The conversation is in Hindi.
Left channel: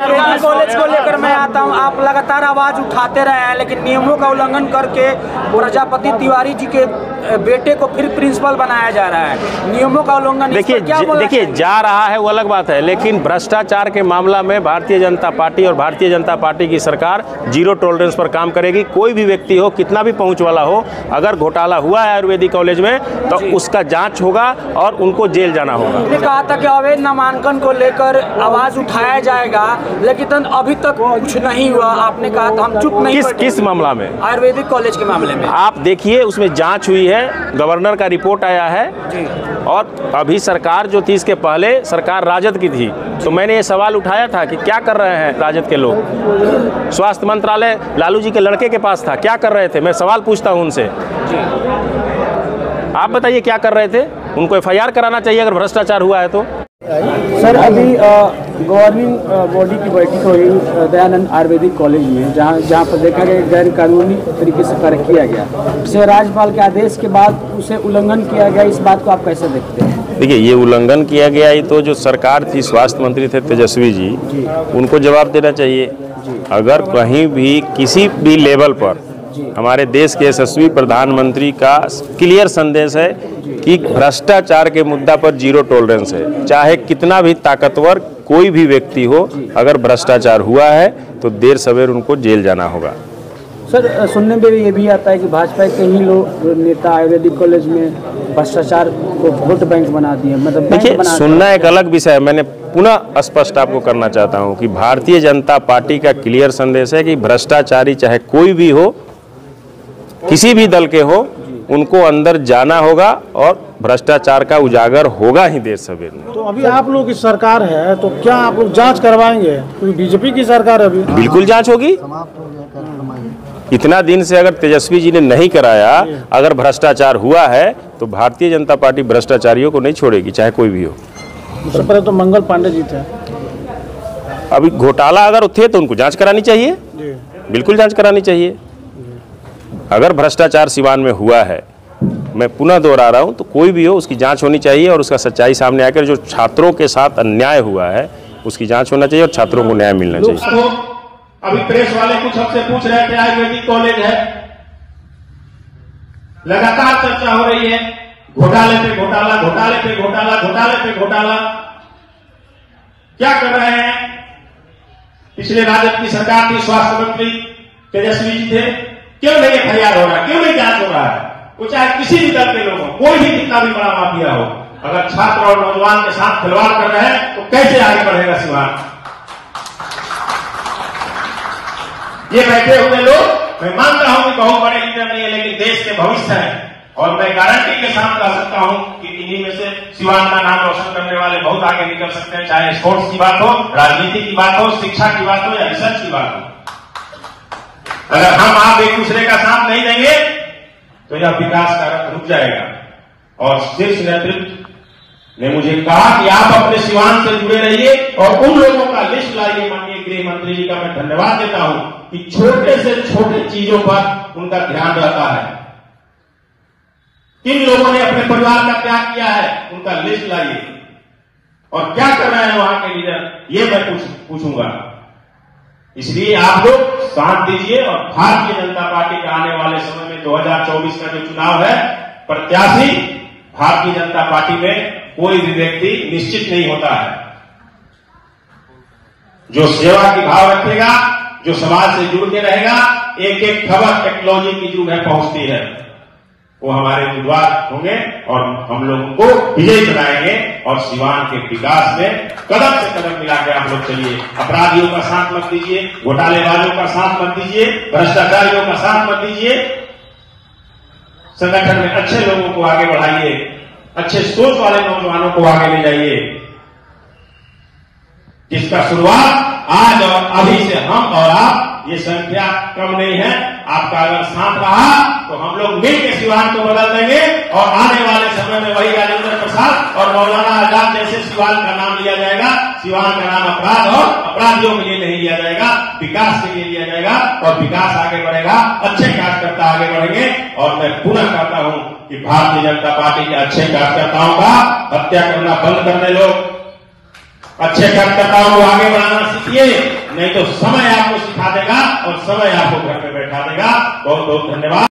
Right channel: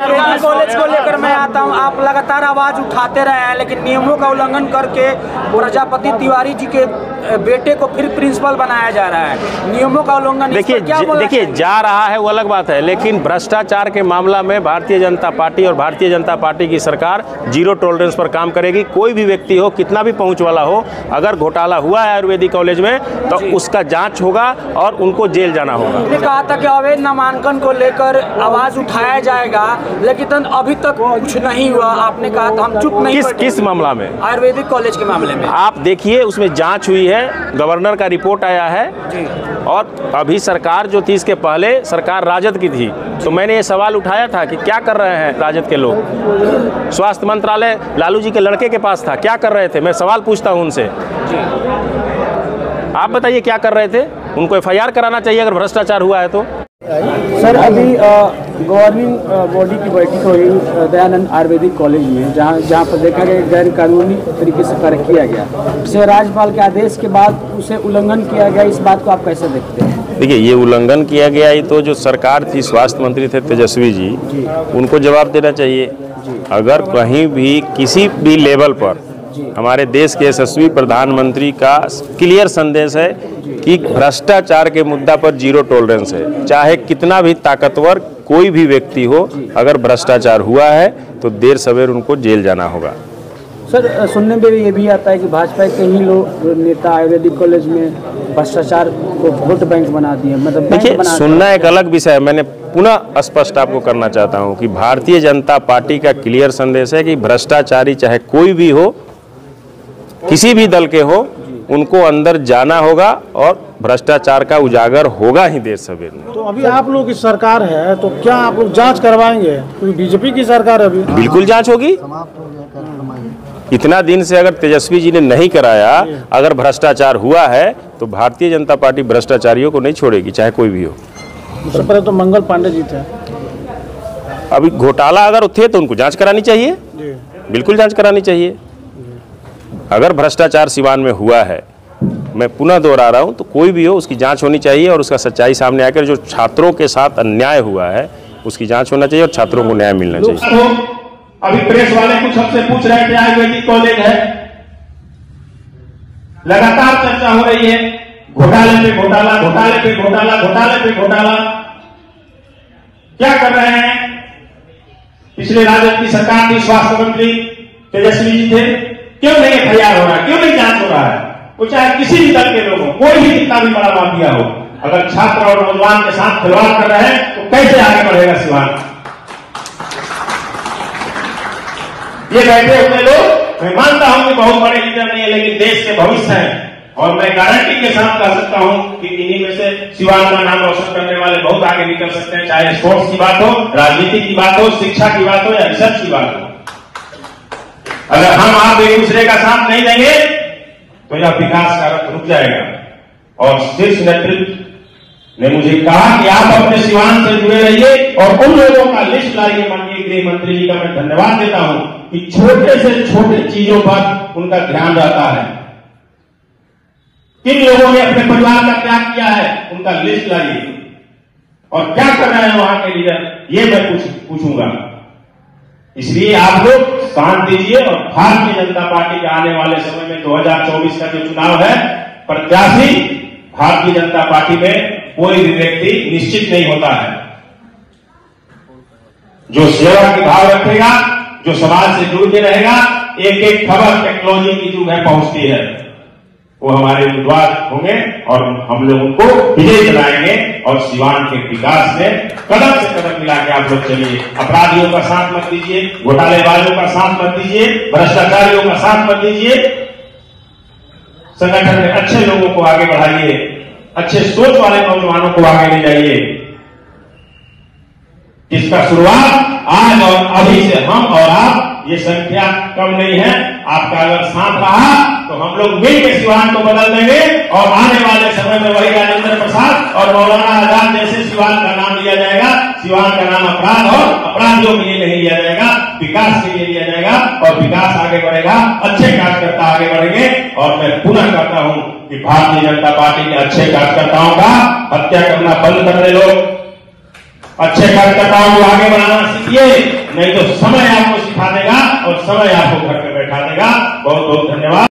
कॉलेज को लेकर मैं आता हूं, आप लगातार आवाज उठाते रहे हैं, लेकिन नियमों का उल्लंघन करके प्रजापति तिवारी जी के बेटे को फिर प्रिंसिपल बनाया जा रहा है। नियमों का उल्लंघन देखिए जा रहा है वो अलग बात है, लेकिन भ्रष्टाचार के मामला में भारतीय जनता पार्टी और भारतीय जनता पार्टी की सरकार जीरो टॉलरेंस पर काम करेगी। कोई भी व्यक्ति हो, कितना भी पहुंच वाला हो, अगर घोटाला हुआ है आयुर्वेदिक कॉलेज में तो उसका जांच होगा और उनको जेल जाना होगा। उन्होंने कहा था कि अवैध नामांकन को लेकर आवाज उठाया जाएगा, लेकिन अभी तक कुछ नहीं हुआ। आपने कहा था हम चुप नहीं। किस मामला में? आयुर्वेदिक कॉलेज के मामले में। आप देखिए, उसमें जांच हुई है, गवर्नर का रिपोर्ट आया है और अभी सरकार जो थी, इसके पहले सरकार राजद की थी, तो मैंने ये सवाल उठाया था कि क्या कर रहे हैं राजद के लोग। स्वास्थ्य मंत्रालय लालू जी के लड़के के पास था, क्या कर रहे थे? मैं सवाल पूछता हूं उनसे, आप बताइए क्या कर रहे थे? उनको एफआईआर कराना चाहिए अगर भ्रष्टाचार हुआ है तो। सर, अभी गवर्निंग बॉडी की बैठक हुई दयानंद आयुर्वेदिक कॉलेज में, जहां पर देखा गया गैर कानूनी तरीके से कार्य किया गया, उसे राज्यपाल के आदेश के बाद उसे उल्लंघन किया गया। इस बात को आप कैसे देखते हैं? देखिए, ये उल्लंघन किया गया, ये तो जो सरकार थी, स्वास्थ्य मंत्री थे तेजस्वी जी, उनको जवाब देना चाहिए। अगर कहीं भी किसी भी लेवल पर हमारे देश के यशस्वी प्रधानमंत्री का क्लियर संदेश है कि भ्रष्टाचार के मुद्दा पर जीरो टॉलरेंस है। चाहे कितना भी ताकतवर कोई भी व्यक्ति हो, अगर भ्रष्टाचार हुआ है तो देर सवेर उनको जेल जाना होगा। सर, सुनने में ये भी आता है कि भाजपा के ही लोग नेता आयुर्वेदिक कॉलेज में भ्रष्टाचार को वोट बैंक बना दिए। मतलब देखिए, सुनना एक अलग विषय है। मैंने पुनः स्पष्ट आपको करना चाहता हूँ कि भारतीय जनता पार्टी का क्लियर संदेश है कि भ्रष्टाचारी चाहे कोई भी हो, किसी भी दल के हो, उनको अंदर जाना होगा और भ्रष्टाचार का उजागर होगा ही देर सवेर में। तो अभी आप लोग की सरकार है, तो क्या आप लोग जांच करवाएंगे? क्योंकि बीजेपी की सरकार अभी बिल्कुल जांच होगी। इतना दिन से अगर तेजस्वी जी ने नहीं कराया, अगर भ्रष्टाचार हुआ है तो भारतीय जनता पार्टी भ्रष्टाचारियों को नहीं छोड़ेगी, चाहे कोई भी हो। सबसे पहले तो मंगल पांडे जी थे। अभी घोटाला अगर थे तो उनको जांच करानी चाहिए, बिल्कुल जांच करानी चाहिए। अगर भ्रष्टाचार सिवान में हुआ है, मैं पुनः दोहरा रहा हूं, तो कोई भी हो उसकी जांच होनी चाहिए और उसका सच्चाई सामने आकर जो छात्रों के साथ अन्याय हुआ है उसकी जांच होना चाहिए और छात्रों को न्याय मिलना चाहिए। अभी प्रेस वाले कुछ हमसे पूछ रहे थे, आयुर्वेदिक कॉलेज है, लगातार चर्चा हो रही है घोटाले पे घोटाला, घोटाले पे घोटाला, घोटाले पे घोटाला। क्या कर रहे हैं? पिछले राजद की सरकार की स्वास्थ्य मंत्री तेजस्वी जी थे, क्यों नहीं एफआईआर हो रहा है? क्यों नहीं जांच हो रहा है? वो चाहे किसी भी दल के लोग हो, कोई भी कितना भी बड़ा माफिया हो, अगर छात्र और नौजवान के साथ खिलवाड़ कर रहे हैं तो कैसे आगे बढ़ेगा सिवान? ये बैठे हुए लोग, मैं मानता हूं कि बहुत बड़े लीडर नहीं है, लेकिन देश के भविष्य है और मैं गारंटी के साथ कह सकता हूं कि इन्हीं में से सिवान का नाम रोशन करने वाले बहुत आगे निकल सकते हैं। चाहे स्पोर्ट्स की बात हो, राजनीति की बात हो, शिक्षा की बात हो या रिसर्च की बात हो। अगर हम आप एक दूसरे का साथ नहीं देंगे तो यह विकास का रुक जाएगा। और शीर्ष नेतृत्व ने मुझे कहा कि आप अपने सिवान से जुड़े रहिए और उन लोगों का लिस्ट लाइए। माननीय गृह मंत्री जी का मैं धन्यवाद देता हूं कि छोटे से छोटे चीजों पर उनका ध्यान रहता है। किन लोगों ने अपने परिवार का त्याग किया है, उनका लिस्ट लाइए और क्या कर रहे हैं वहां के लीडर, ये मैं कुछ पूछूंगा। इसलिए आप लोग साथ दीजिए और भारतीय जनता पार्टी के आने वाले समय में 2024 का जो चुनाव है, प्रत्याशी भारतीय जनता पार्टी में कोई भी व्यक्ति निश्चित नहीं होता है। जो सेवा की भाव रखेगा, जो समाज से जुड़ के रहेगा, एक एक खबर टेक्नोलॉजी की जो है पहुंचती है, वो हमारे उम्मीदवार होंगे और हम लोगों को विजय बनाएंगे और सिवान के विकास में कदम से कदम मिला के आप लोग चलिए। अपराधियों का साथ मत दीजिए, घोटालेबाजों का साथ मत दीजिए, भ्रष्टाचारियों का साथ मत दीजिए। संगठन में अच्छे लोगों को आगे बढ़ाइए, अच्छे सोच वाले नौजवानों को आगे ले जाइए, जिसका शुरुआत आज और अभी से हम और आप, ये संख्या कम नहीं है। आपका अगर साथ रहा तो हम लोग मिलकर सिवान को बदल देंगे और आने वाले समय में वही राजेंद्र प्रसाद और मौलाना आजाद जैसे सिवान का नाम लिया जाएगा। सिवान का नाम अपराध और अपराधियों के लिए नहीं लिया जाएगा, विकास के लिए लिया जाएगा और विकास आगे बढ़ेगा, अच्छे कार्यकर्ता आगे बढ़ेंगे। और मैं पुनः करता हूं कि भारतीय जनता पार्टी के अच्छे कार्यकर्ताओं का हत्या करना बंद कर दे लोग अच्छे कार्यकर्ताओं को आगे बढ़ाना सीखिए, नहीं तो समय आपको सिखा देगा और समय आपको घर पे बैठा देगा। बहुत बहुत धन्यवाद।